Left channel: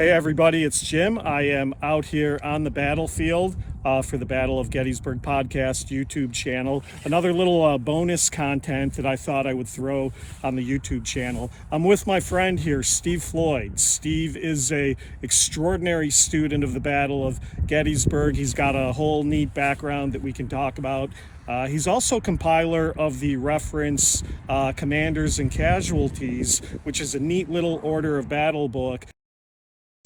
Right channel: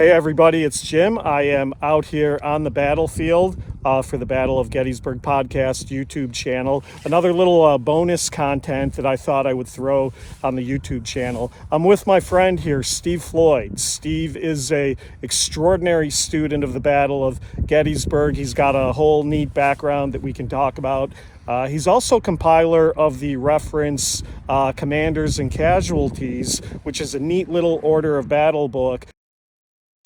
Hey everybody, it's Jim. I am out here on the battlefield for the Battle of Gettysburg Podcast YouTube channel. Another little bonus content that I thought I would throw on the YouTube channel. I'm with my friend here, Steve Floyd. Steve is a extraordinary student of the Battle of Gettysburg. He's got a whole neat background that we can talk about. He's also compiler of the reference Commanders and Casualties, which is a neat little order of battle book.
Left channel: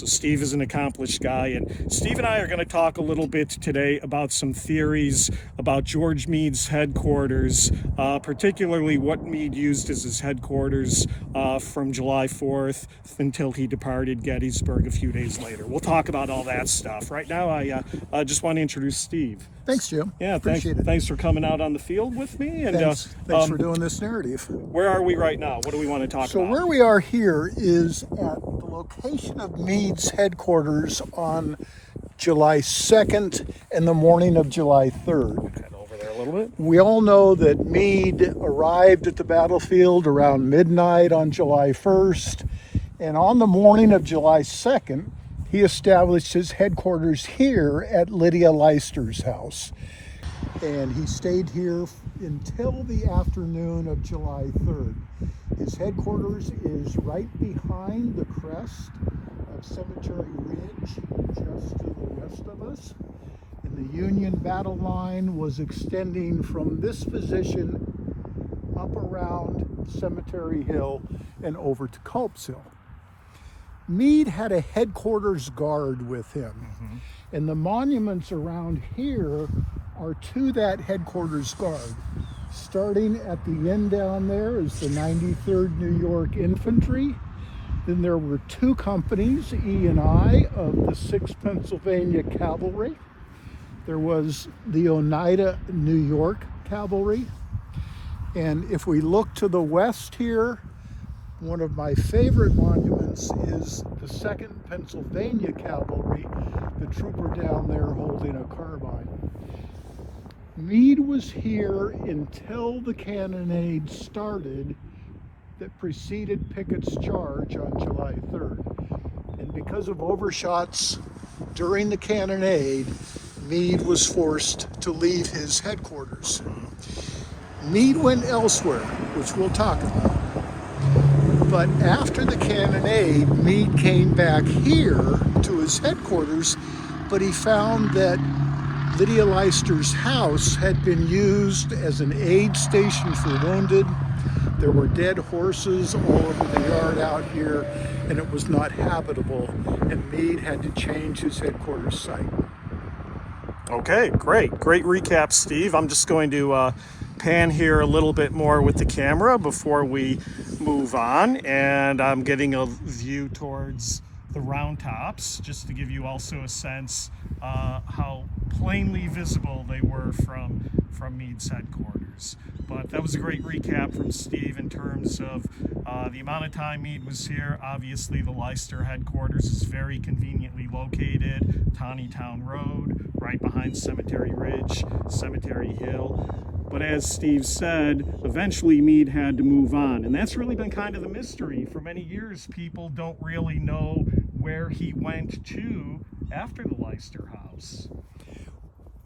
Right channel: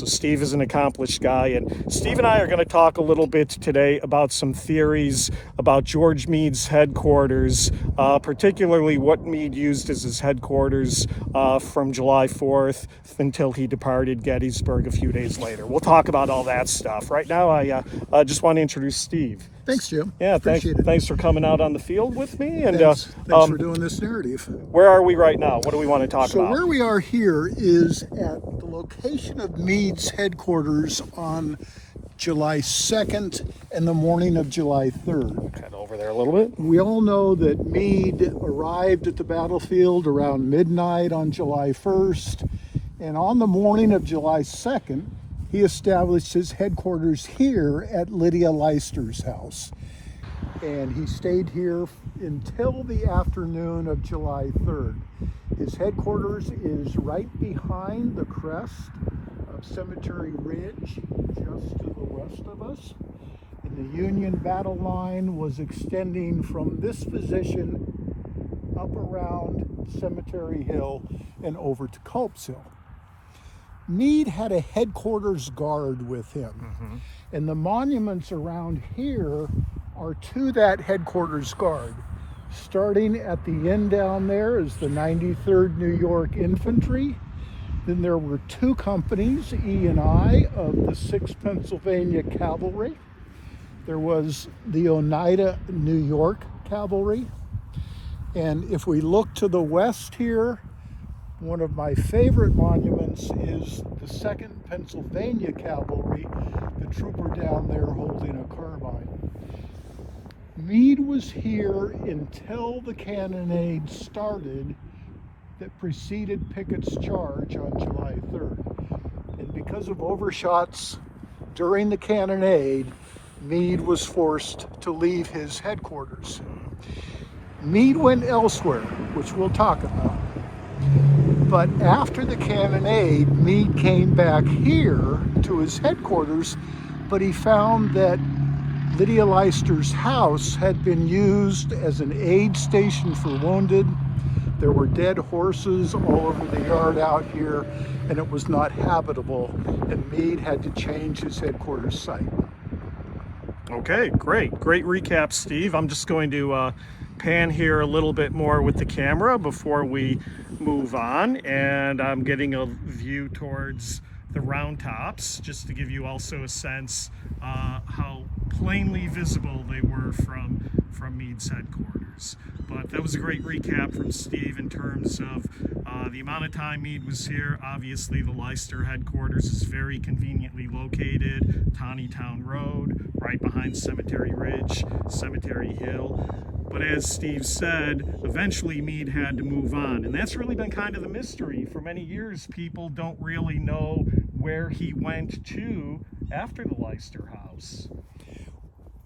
So Steve is an accomplished guy, and Steve and I are going to talk a little bit today about some theories about George Meade's headquarters, particularly what Meade used as his headquarters from July 4th until he departed Gettysburg a few days later. We'll talk about all that stuff. Right now, I just want to introduce Steve. Thanks, Jim. Yeah, appreciate it. Thanks for coming out on the field with me. And thanks for doing this narrative. Where are we right now? What do we want to talk about? So where we are here is at the location of Meades Headquarters on July 2nd and the morning of July 3rd. Head over there a little bit. We all know that Meade arrived at the battlefield around midnight on July 1st, and on the morning of July 2nd, he established his headquarters here at Lydia Leicester's house. And he stayed here until the afternoon of July 3rd. His headquarters is right behind the crest of Cemetery Ridge, just to the west of us. And the Union battle line was extending from this position up around Cemetery Hill and over to Culp's Hill. Meade had a headquarters guard with him, and the monuments around here are to that headquarters guard. Starting at the end down there is the 93rd New York Infantry. Then there were two companies, E and I, of the 6th Pennsylvania Cavalry. There was the Oneida New York Cavalry. And if we look to the west here, one of my favorite monuments is the 2nd Pennsylvania Cavalry, the trooper down there holding a carbine. Meade was here until the cannonade started that preceded Pickett's charge on July 3rd. And because of overshots during the cannonade, Meade was forced to leave his headquarters. Meade went elsewhere, which we'll talk about. But after the cannonade, Meade came back here to his headquarters, but he found that Lydia Leicester's house had been used as an aid station for wounded. There were dead horses all over the yard out here, and it was not habitable, and Meade had to change his headquarters site. Okay, great recap, Steve. I'm just going to pan here a little bit more with the camera before we move on, and I'm getting a view towards the round tops just to give you also a sense how plainly visible they were from Meade's headquarters. But that was a great recap from Steve in terms of the amount of time Meade was here. Obviously the Leicester headquarters is very conveniently located, Taneytown Road, right behind Cemetery Ridge, Cemetery Hill. But as Steve said, eventually Meade had to move on. And that's really been kind of the mystery. For many years, people don't really know where he went to after the Leicester house.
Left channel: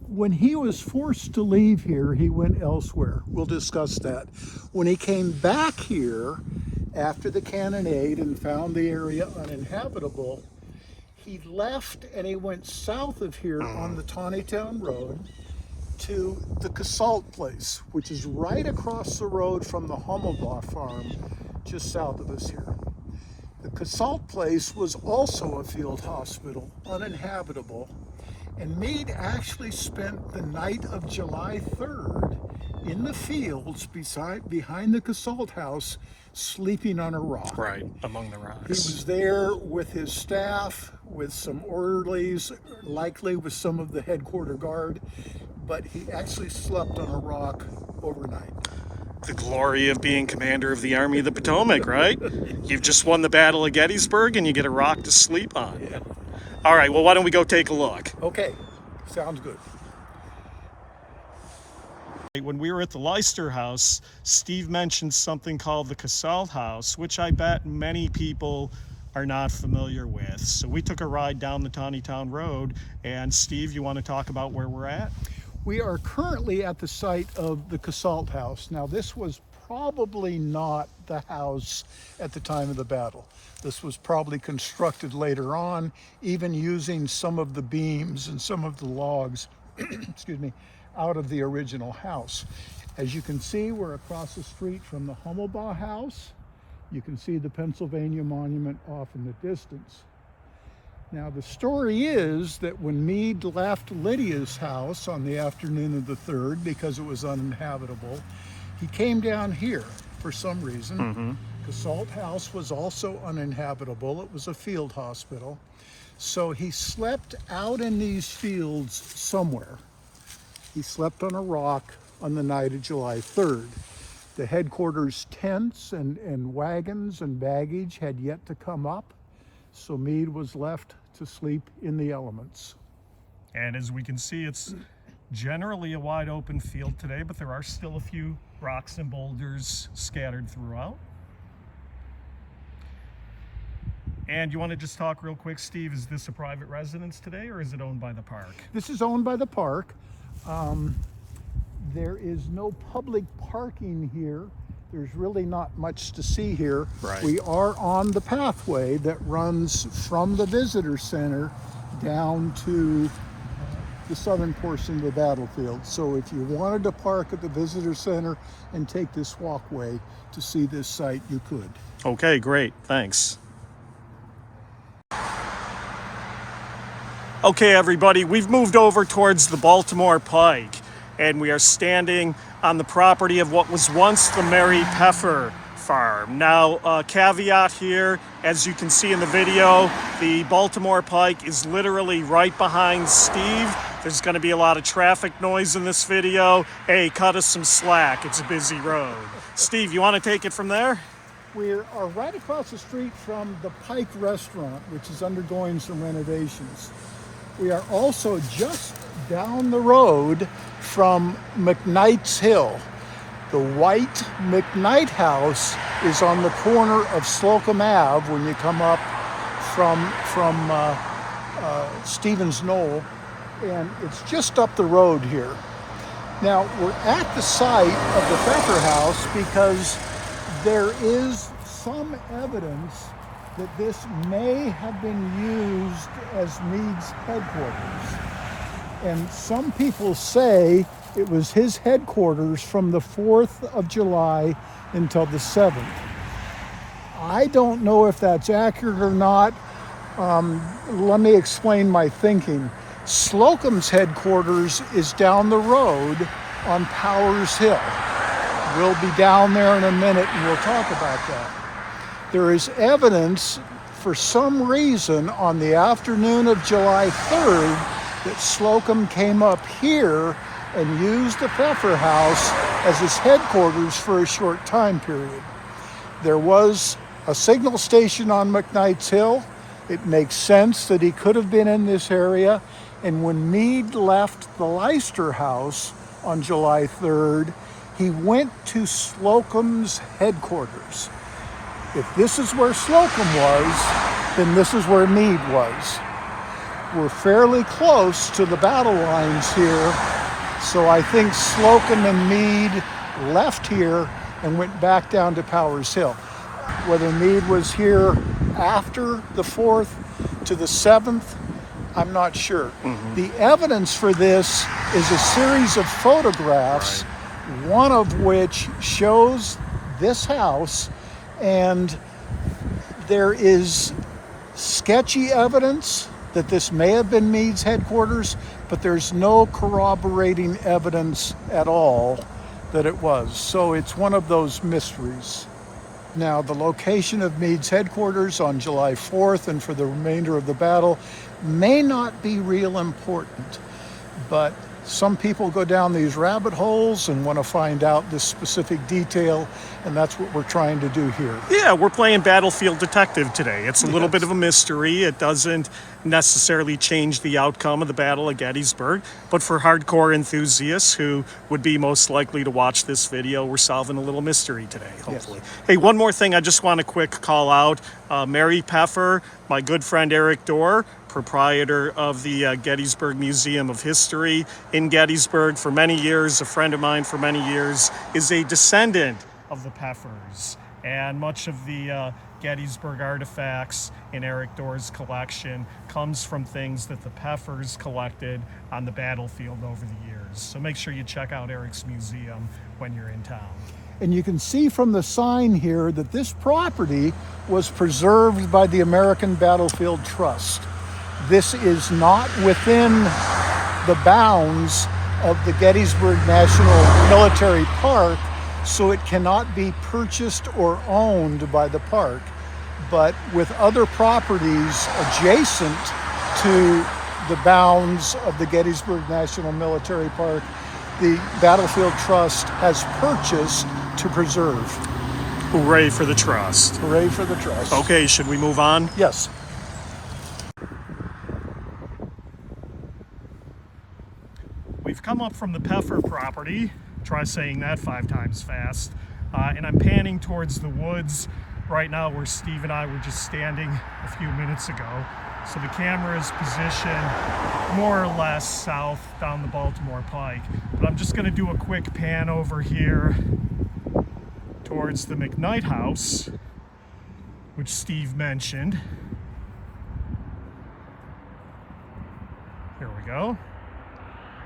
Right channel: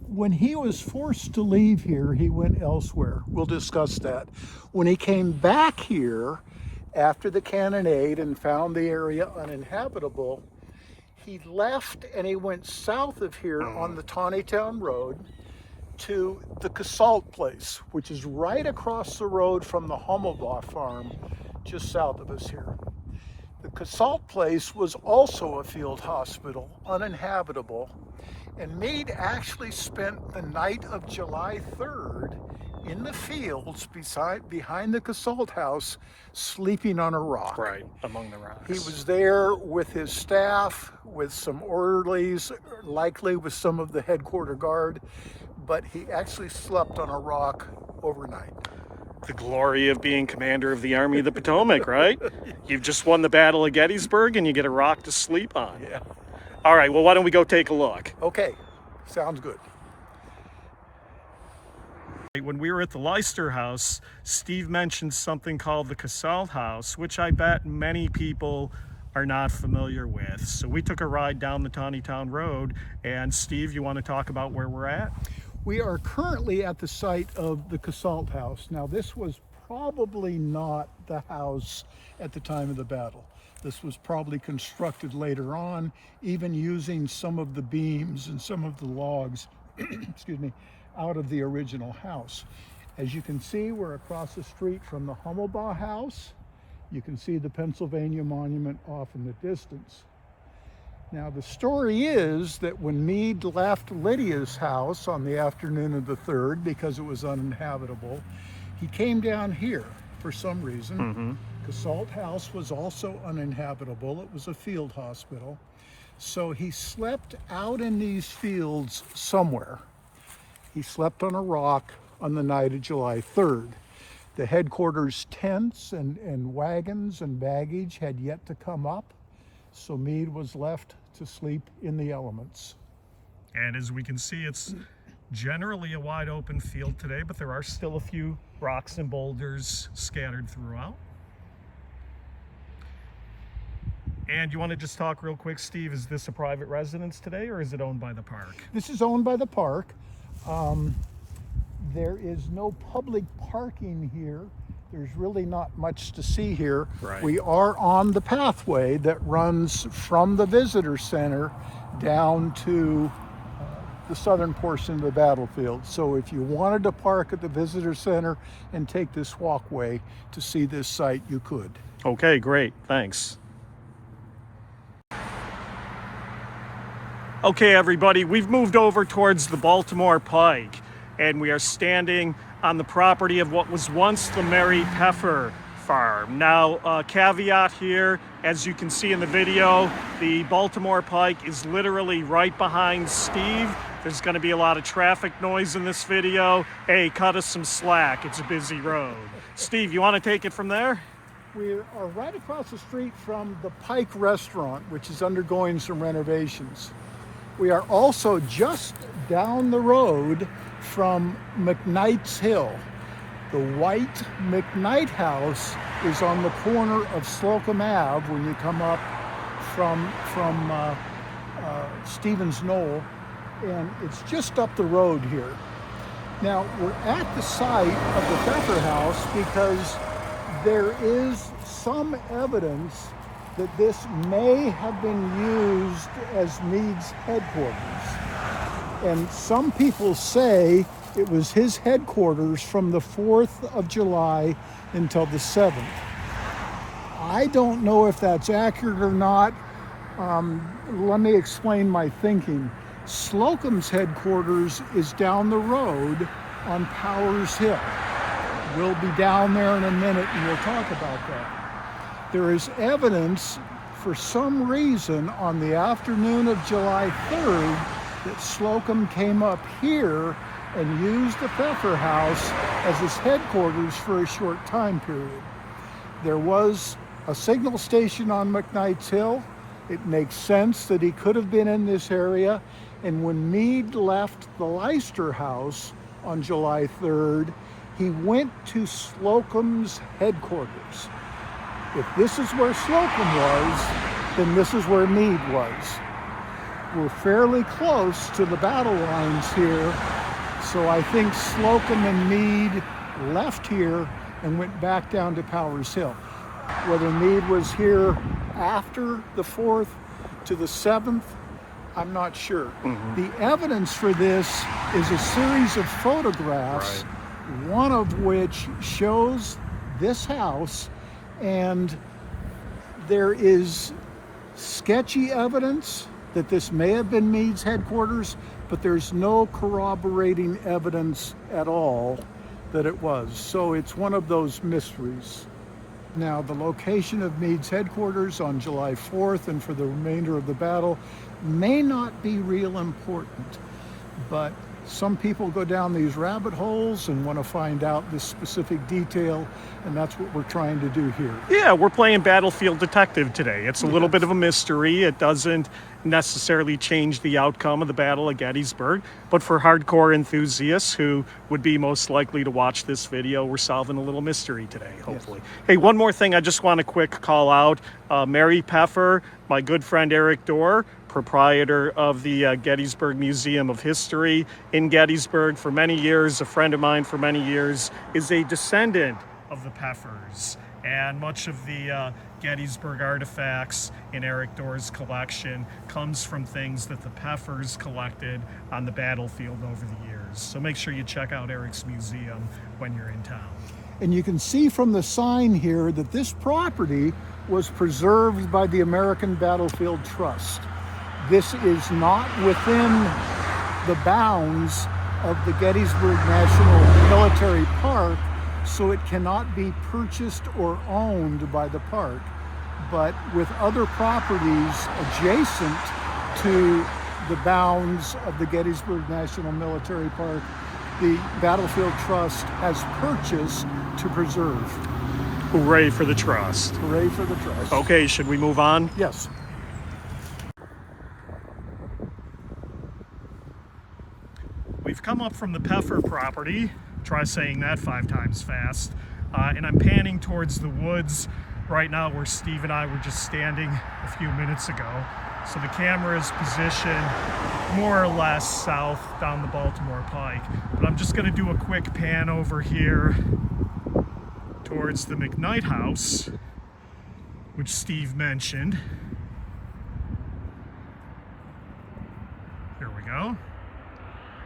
When he was forced to leave here, he went elsewhere. We'll discuss that. When he came back here after the cannonade and found the area uninhabitable, he left and he went south of here on the Taneytown Road to the Casalt place, which is right across the road from the Hummelbaugh farm, just south of us here. The Casalt place was also a field hospital, uninhabitable, and Meade actually spent the night of July 3rd in the fields behind the Casalt house, sleeping on a rock. Right, among the rocks. He was there with his staff, with some orderlies, likely with some of the headquarter guard, but he actually slept on a rock overnight. The glory of being commander of the Army of the Potomac, right? You've just won the Battle of Gettysburg and you get a rock to sleep on. Yeah. All right, well, why don't we go take a look? Okay, sounds good. When we were at the Leicester house, Steve mentioned something called the Casalt house, which I bet many people are not familiar with. So we took a ride down the Tawnytown Road, and Steve, you want to talk about where we're at? We are currently at the site of the Casalt House. Now, this was probably not the house at the time of the battle. This was probably constructed later on, even using some of the beams and some of the logs, excuse me, out of the original house. As you can see, we're across the street from the Hummelbaugh House. You can see the Pennsylvania Monument off in the distance. Now, the story is that when Meade left Lydia's house on the afternoon of the 3rd, because it was uninhabitable, he came down here for some reason. Casalt House was also uninhabitable. It was a field hospital. So he slept out in these fields somewhere. He slept on a rock on the night of July 3rd. The headquarters tents and wagons and baggage had yet to come up, so Meade was left to sleep in the elements. And as we can see, it's generally a wide open field today, but there are still a few rocks and boulders scattered throughout. And you want to just talk real quick, Steve, is this a private residence today, or is it owned by the park? This is owned by the park. There is no public parking here. There's really not much to see here. Right. We are on the pathway that runs from the visitor center down to the southern portion of the battlefield. So if you wanted to park at the visitor center and take this walkway to see this site, you could. Okay, great, thanks. Okay, everybody, we've moved over towards the Baltimore Pike, and we are standing on the property of what was once the Mary Peffer farm. Now, caveat here, as you can see in the video, the Baltimore Pike is literally right behind Steve. There's going to be a lot of traffic noise in this video. Hey, cut us some slack. It's a busy road. Steve, you want to take it from there? We are right across the street from the Pike Restaurant, which is undergoing some renovations. We are also just down the road from McKnight's Hill. The white McKnight House is on the corner of Slocum Ave when you come up from Stevens Knoll, and it's just up the road here. Now, we're at the site of the Pfeffer House because there is some evidence that this may have been used as Meade's headquarters. And some people say it was his headquarters from the 4th of July until the 7th. I don't know if that's accurate or not. Let me explain my thinking. Slocum's headquarters is down the road on Powers Hill. We'll be down there in a minute and we'll talk about that. There is evidence for some reason on the afternoon of July 3rd that Slocum came up here and used the Pfeffer House as his headquarters for a short time period. There was a signal station on McKnight's Hill. It makes sense that he could have been in this area. And when Meade left the Leicester House on July 3rd, he went to Slocum's headquarters. If this is where Slocum was, then this is where Meade was. We're fairly close to the battle lines here, so I think Slocum and Meade left here and went back down to Powers Hill. Whether Meade was here after the 4th to the 7th, I'm not sure. The evidence for this is a series of photographs, one of which shows this house, and there is sketchy evidence that this may have been Meade's headquarters, but there's no corroborating evidence at all that it was. So it's one of those mysteries. Now, the location of Meade's headquarters on July 4th and for the remainder of the battle may not be real important, but Some people go down these rabbit holes and want to find out this specific detail, and that's what we're trying to do here. Yeah, we're playing Battlefield Detective today. It's a little bit of a mystery. It doesn't necessarily change the outcome of the Battle of Gettysburg, but for hardcore enthusiasts who would be most likely to watch this video, we're solving a little mystery today, hopefully. Yes. Hey, one more thing I just want to quick call out. Mary Peffer, my good friend Eric Dorr, proprietor of the Gettysburg Museum of History in Gettysburg for many years, a friend of mine for many years, is a descendant of the Peffers. And much of the Gettysburg artifacts in Eric Dorr's collection comes from things that the Peffers collected on the battlefield over the years. So make sure you check out Eric's museum when you're in town. And you can see from the sign here that this property was preserved by the American Battlefield Trust. This is not within the bounds of the Gettysburg National Military Park, so it cannot be purchased or owned by the park. But with other properties adjacent to the bounds of the Gettysburg National Military Park, the Battlefield Trust has purchased to preserve. Hooray for the trust. Hooray for the trust. Okay, should we move on? Yes. We've come up from the Peffer property, try saying that 5 times fast, and I'm panning towards the woods right now where Steve and I were just standing a few minutes ago. So the camera is positioned more or less south down the Baltimore Pike. But I'm just going to do a quick pan over here towards the McKnight House, which Steve mentioned. Here we go.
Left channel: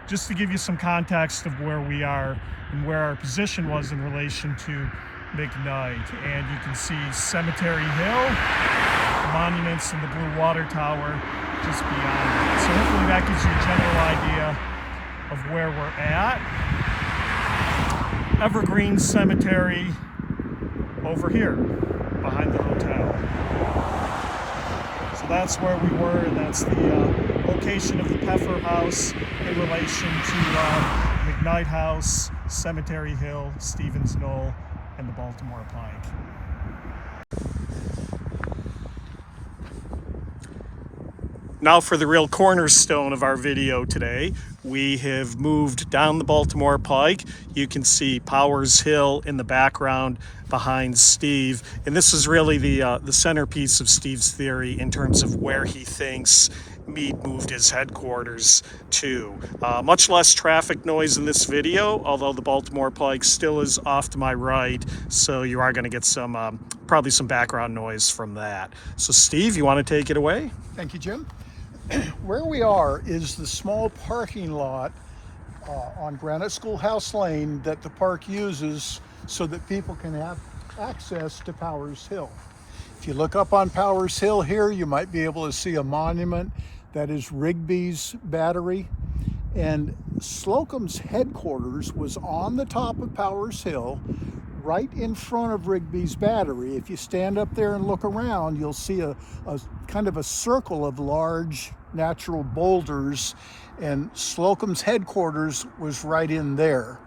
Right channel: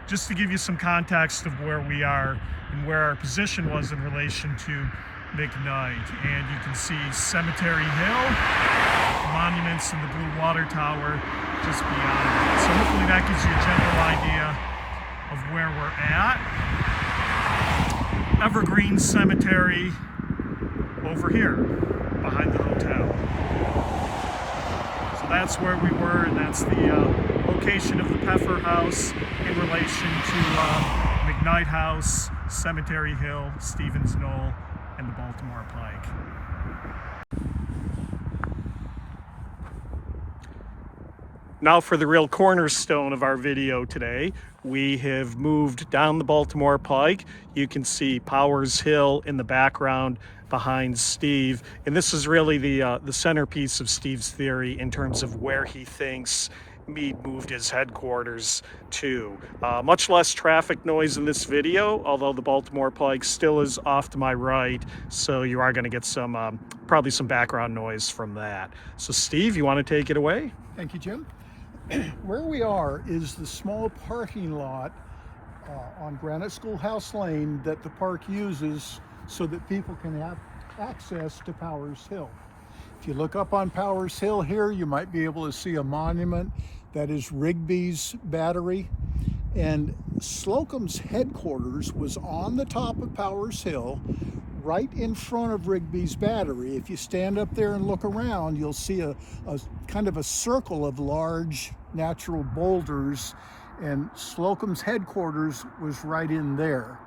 Just to give you some context of where we are and where our position was in relation to McKnight. And you can see Cemetery Hill, monuments in the Blue Water Tower just beyond. So hopefully that gives you a general idea of where we're at. Evergreen Cemetery over here behind the hotel. So that's where we were, and that's the location of the Peffer House in relation to McKnight House, Cemetery Hill, Stevens Knoll, and the Baltimore Pike. Now for the real cornerstone of our video today. We have moved down the Baltimore Pike. You can see Powers Hill in the background behind Steve. And this is really the centerpiece of Steve's theory in terms of where he thinks Meade moved his headquarters to. Much less traffic noise in this video, although the Baltimore Pike still is off to my right, so you are going to get some probably some background noise from that. So Steve, you want to take it away? Thank you, Jim. Where we are is the small parking lot on Granite Schoolhouse Lane that the park uses so that people can have access to Powers Hill. If you look up on Powers Hill here, you might be able to see a monument that is Rigby's Battery. And Slocum's headquarters was on the top of Powers Hill, right in front of Rigby's Battery. If you stand up there and look around, you'll see a kind of a circle of large natural boulders, and Slocum's headquarters was right in there.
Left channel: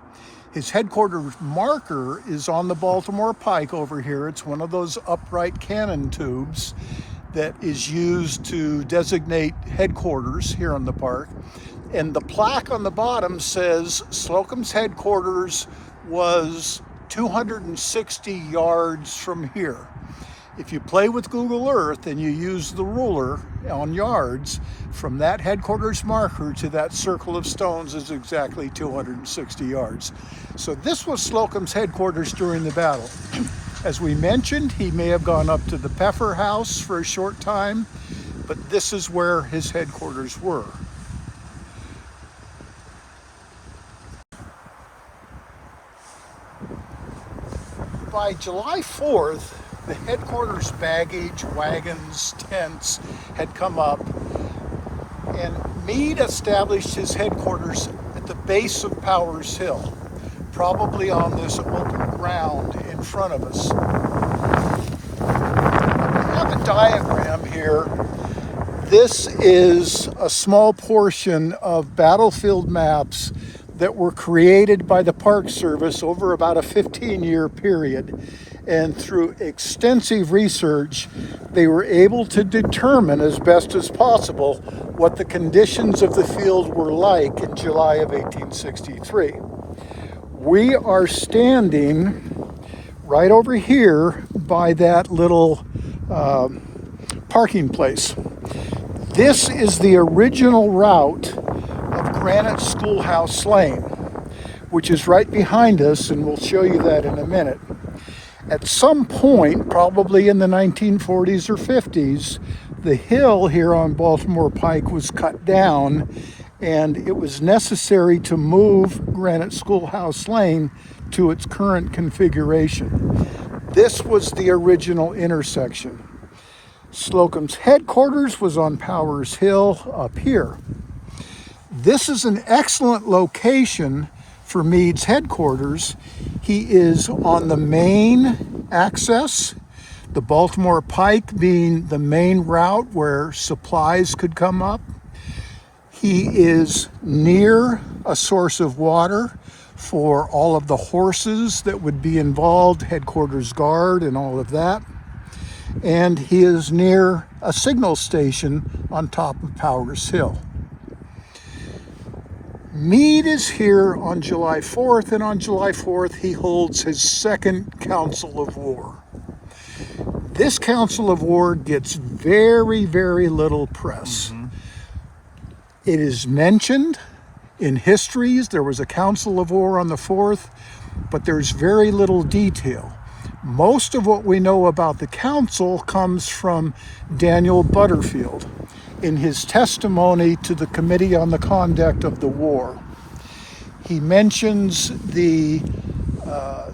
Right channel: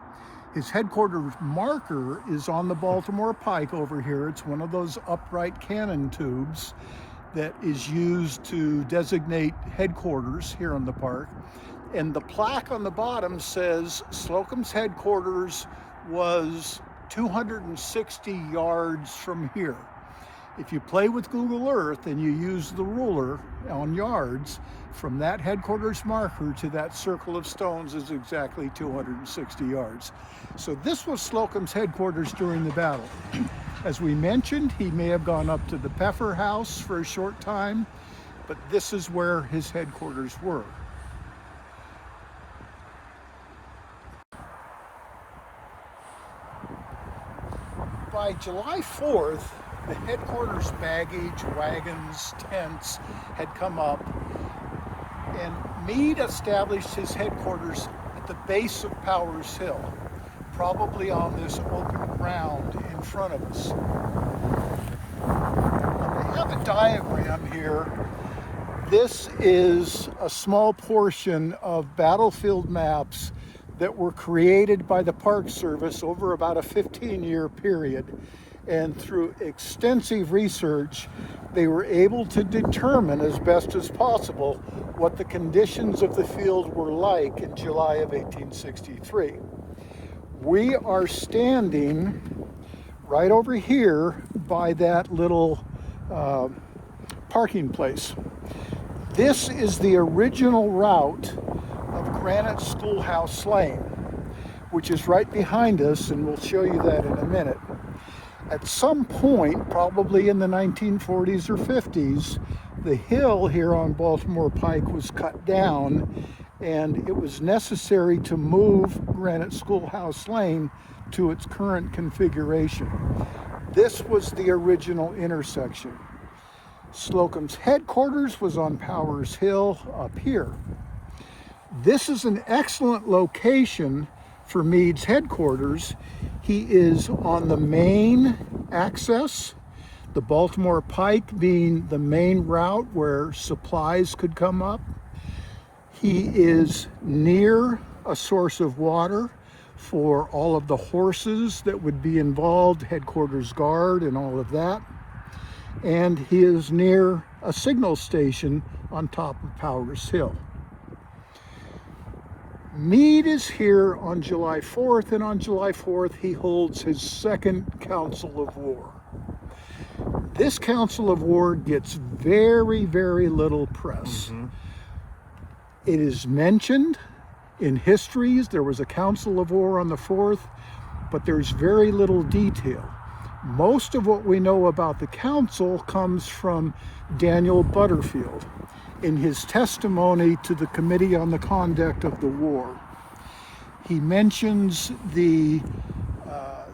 His headquarters marker is on the Baltimore Pike over here. It's one of those upright cannon tubes that is used to designate headquarters here in the park. And the plaque on the bottom says Slocum's headquarters was 260 yards from here. If you play with Google Earth and you use the ruler on yards, from that headquarters marker to that circle of stones is exactly 260 yards. So this was Slocum's headquarters during the battle. As we mentioned, he may have gone up to the Peffer House for a short time, but this is where his headquarters were. By July 4th, the headquarters baggage, wagons, tents had come up, and Meade established his headquarters at the base of Powers Hill, probably on this open ground in front of us. I have a diagram here This is a small portion of battlefield maps that were created by the Park Service over about a 15-year period. And through extensive research, they were able to determine as best as possible what the conditions of the field were like in July of 1863. We are standing right over here by that little parking place. This is the original route of Granite Schoolhouse Lane, which is right behind us, and we'll show you that in a minute. At some point, probably in the 1940s or 50s, the hill here on Baltimore Pike was cut down, and it was necessary to move Granite Schoolhouse Lane to its current configuration. This was the original intersection. Slocum's headquarters was on Powers Hill up here. This is an excellent location for Meades Headquarters. He is on the main access, the Baltimore Pike being the main route where supplies could come up. He is near a source of water for all of the horses that would be involved, headquarters guard and all of that. And he is near a signal station on top of Powers Hill. Meade is here on July 4th, and on July 4th he holds his second Council of War. This Council of War gets very, very little press. It is mentioned in histories. There was a Council of War on the 4th, but there's very little detail. Most of what we know about the council comes from Daniel Butterfield in his testimony to the Committee on the Conduct of the War. He mentions the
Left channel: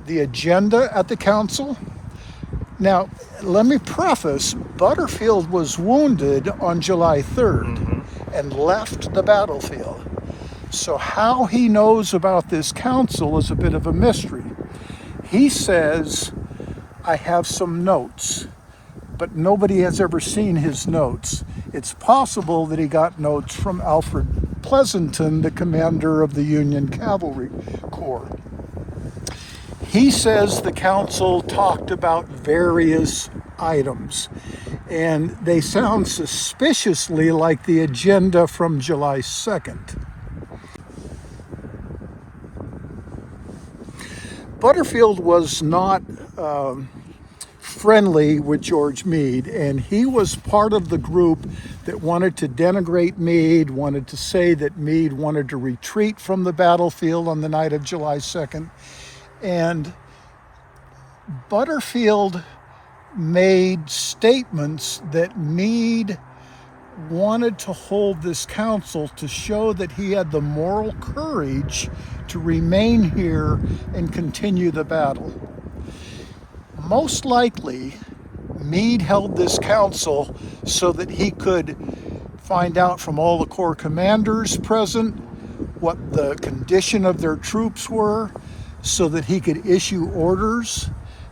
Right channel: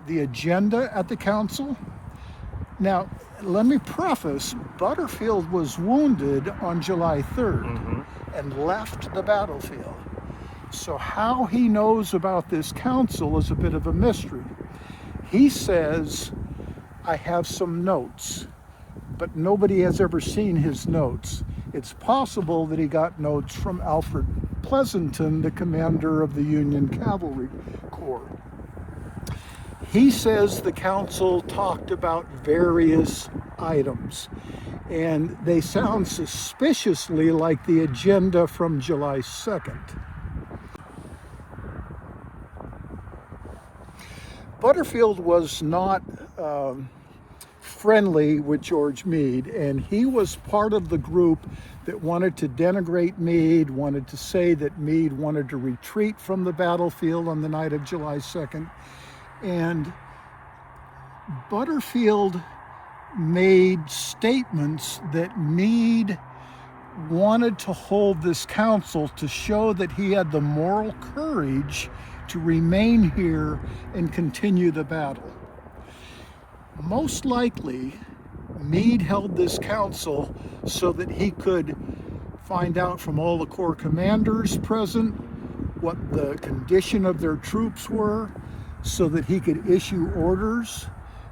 agenda at the council. Now, let me preface, Butterfield was wounded on July 3rd and left the battlefield. So how he knows about this council is a bit of a mystery. He says, I have some notes, but nobody has ever seen his notes. It's possible that he got notes from Alfred Pleasanton, the commander of the Union Cavalry Corps. He says the council talked about various items, and they sound suspiciously like the agenda from July 2nd. Butterfield was not friendly with George Meade, and he was part of the group that wanted to denigrate Meade, wanted to say that Meade wanted to retreat from the battlefield on the night of July 2nd. And Butterfield made statements that Meade wanted to hold this council to show that he had the moral courage to remain here and continue the battle. Most likely, Meade held this council so that he could find out from all the Corps commanders present what the condition of their troops were, so that he could issue orders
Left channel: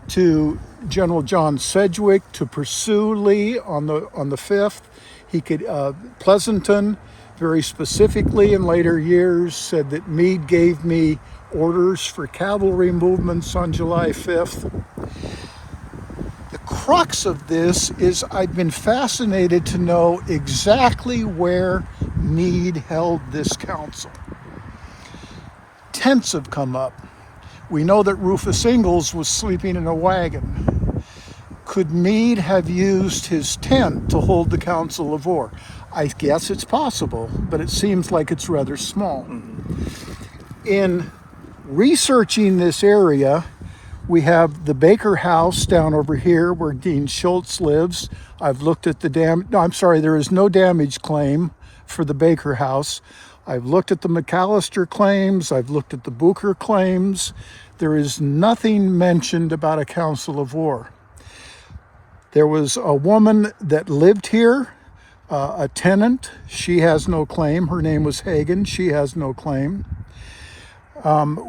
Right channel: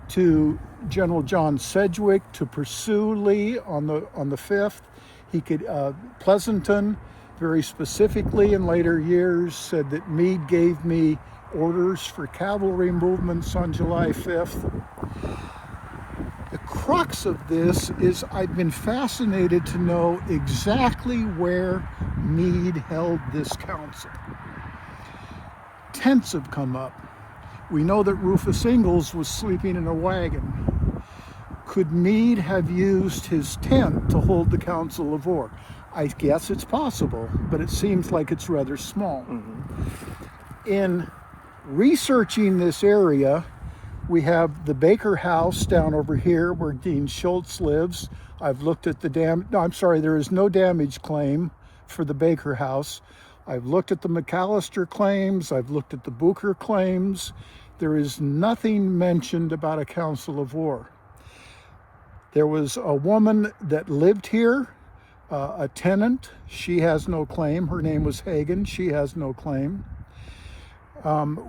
to General John Sedgwick to pursue Lee on the 5th. He could, Pleasanton, very specifically in later years, said that Meade gave me orders for cavalry movements on July 5th. The crux of this is I've been fascinated to know exactly where Meade held this council. Tents have come up. We know that Rufus Ingalls was sleeping in a wagon. Could Meade have used his tent to hold the Council of War? I guess it's possible, but it seems like it's rather small. In researching this area, we have the Baker House down over here where Dean Schultz lives. I've looked at the there is no damage claim for the Baker House. I've looked at the McAllister claims. I've looked at the Booker claims. There is nothing mentioned about a Council of War. There was a woman that lived here, a tenant. She has no claim. Her name was Hagen. She has no claim.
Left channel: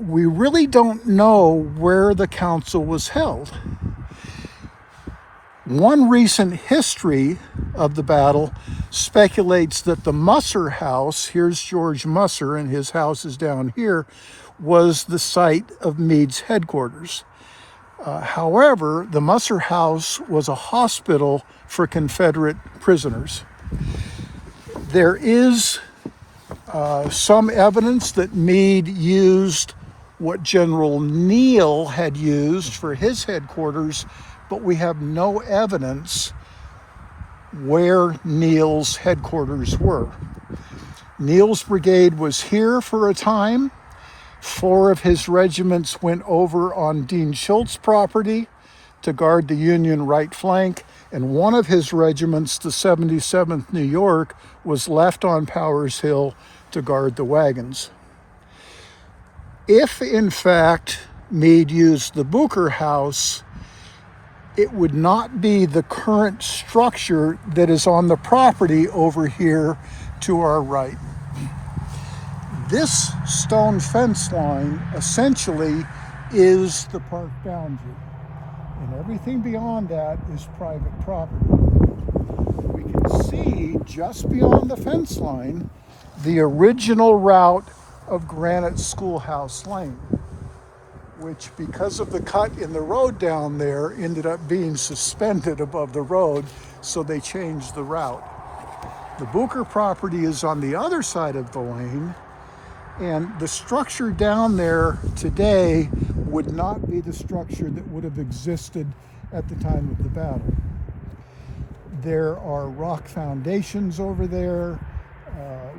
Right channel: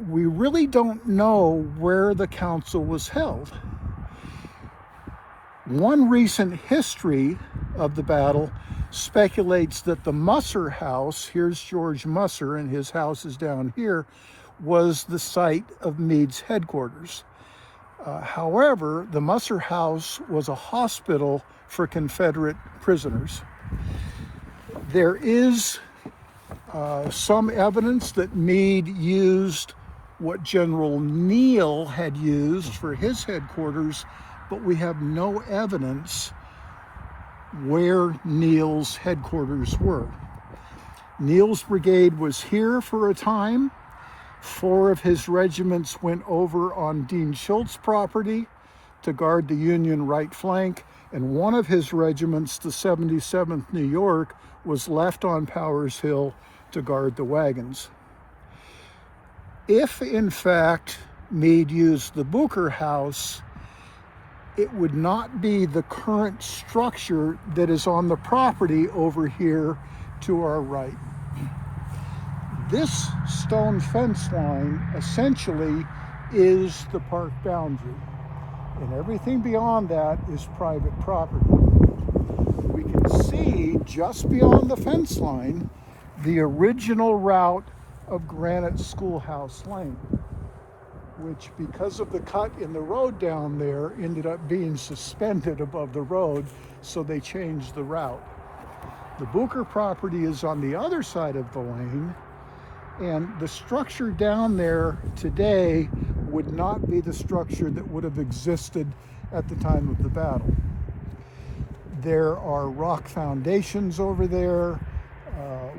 We really don't know where the council was held. One recent history of the battle speculates that the Musser house, here's George Musser, and his house is down here, was the site of Meades Headquarters. However, the Musser house was a hospital for Confederate prisoners. There is some evidence that Meade used what General Neal had used for his headquarters, but we have no evidence where Neal's headquarters were. Neal's brigade was here for a time. 4 of his regiments went over on Dean Schultz's property to guard the Union right flank, and one of his regiments, the 77th New York, was left on Powers Hill to guard the wagons. If, in fact, Meade used the Booker House, it would not be the current structure that is on the property over here to our right. This stone fence line essentially is the park boundary, and everything beyond that is private property. We can see just beyond the fence line the original route of Granite Schoolhouse Lane, which, because of the cut in the road down there, ended up being suspended above the road, so they changed the route. The Booker property is on the other side of the lane, and the structure down there today would not be the structure that would have existed at the time of the battle. There are rock foundations over there.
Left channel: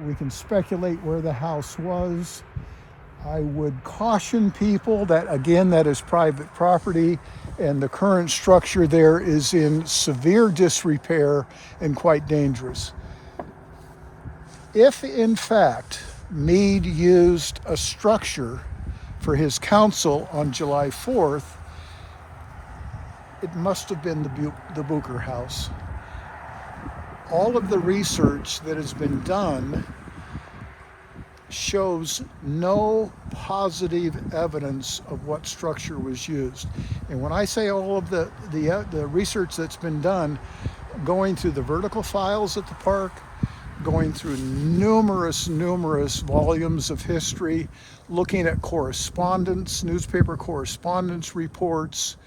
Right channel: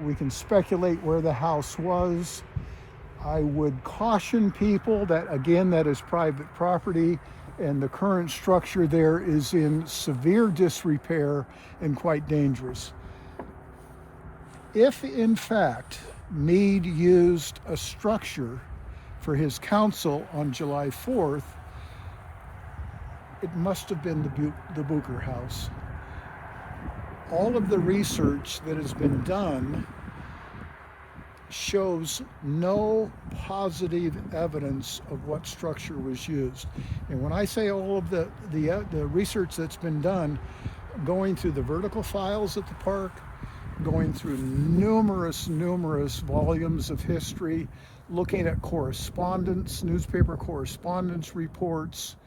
We can speculate where the house was. I would caution people that, again, that is private property, and the current structure there is in severe disrepair and quite dangerous. If, in fact, Meade used a structure for his council on July 4th, it must have been the Booker House. All of the research that has been done shows no positive evidence of what structure was used. And when I say all of the research that's been done, going through the vertical files at the park, going through numerous volumes of history, looking at correspondence, newspaper correspondence reports,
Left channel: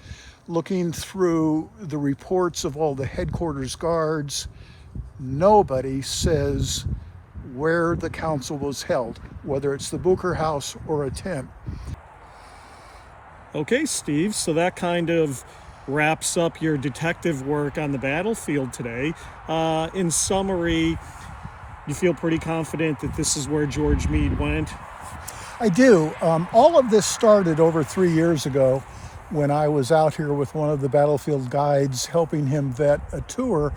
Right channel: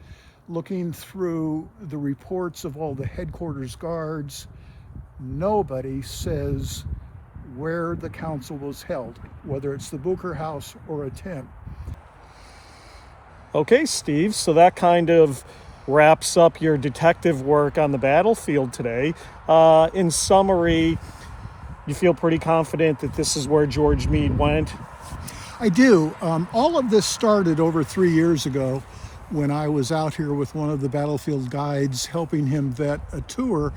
looking through the reports of all the headquarters guards, nobody says where the council was held, whether it's the Booker House or a tent. Okay, Steve, so that kind of wraps up your detective work on the battlefield today. In summary, you feel pretty confident that this is where George Meade went? I do. All of this started over 3 years ago when I was out here with one of the battlefield guides helping him vet a tour,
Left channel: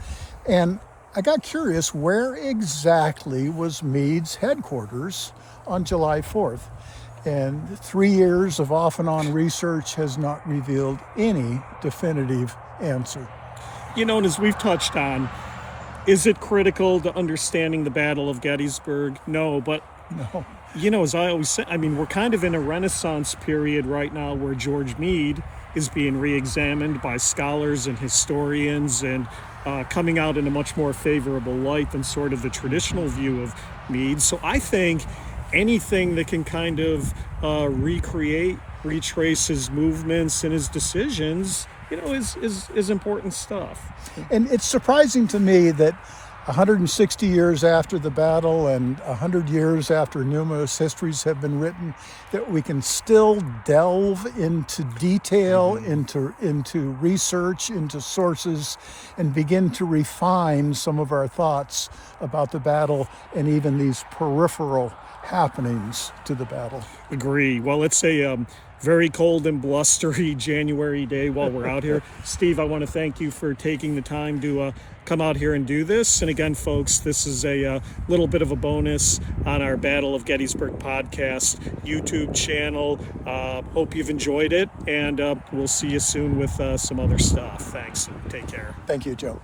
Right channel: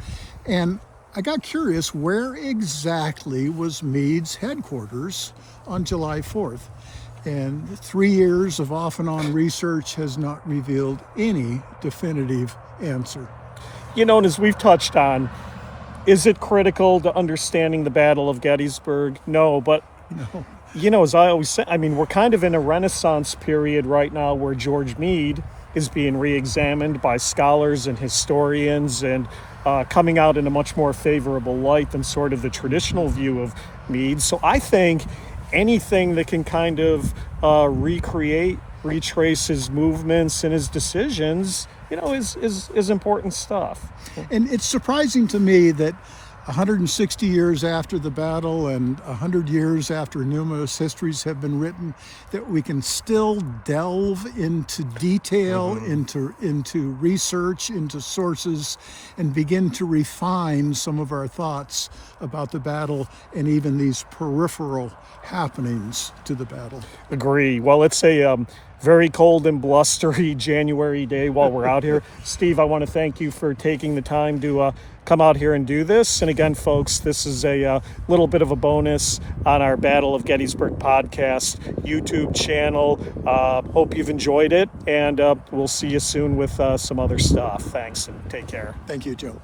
and I got curious, where exactly was Meade's headquarters on July 4th? And 3 years of off and on research has not revealed any definitive answer. You know, and as we've touched on, is it critical to understanding the Battle of Gettysburg? No, but No. you know, as I always say, I mean, we're kind of in a Renaissance period right now where George Meade is being re-examined by scholars and historians and coming out in a much more favorable light than sort of the traditional view of Meade. So I think anything that can kind of retrace his movements and his decisions, you know, is important stuff. And it's surprising to me that 160 years after the battle and 100 years after numerous histories have been written, that we can still delve into detail, into research, into sources, and begin to refine some of our thoughts about the battle and even these peripheral happenings to the battle. Agree. Well, it's a very cold and blustery January day while we're out here. Steve, I want to thank you for taking the time to come out here and do this. And again, folks, this is a little bit of a bonus on our Battle of Gettysburg Podcast YouTube channel. Hope you've enjoyed it, and we'll see you soon with some other stuff. Thanks, and take care. Thank you, Joe.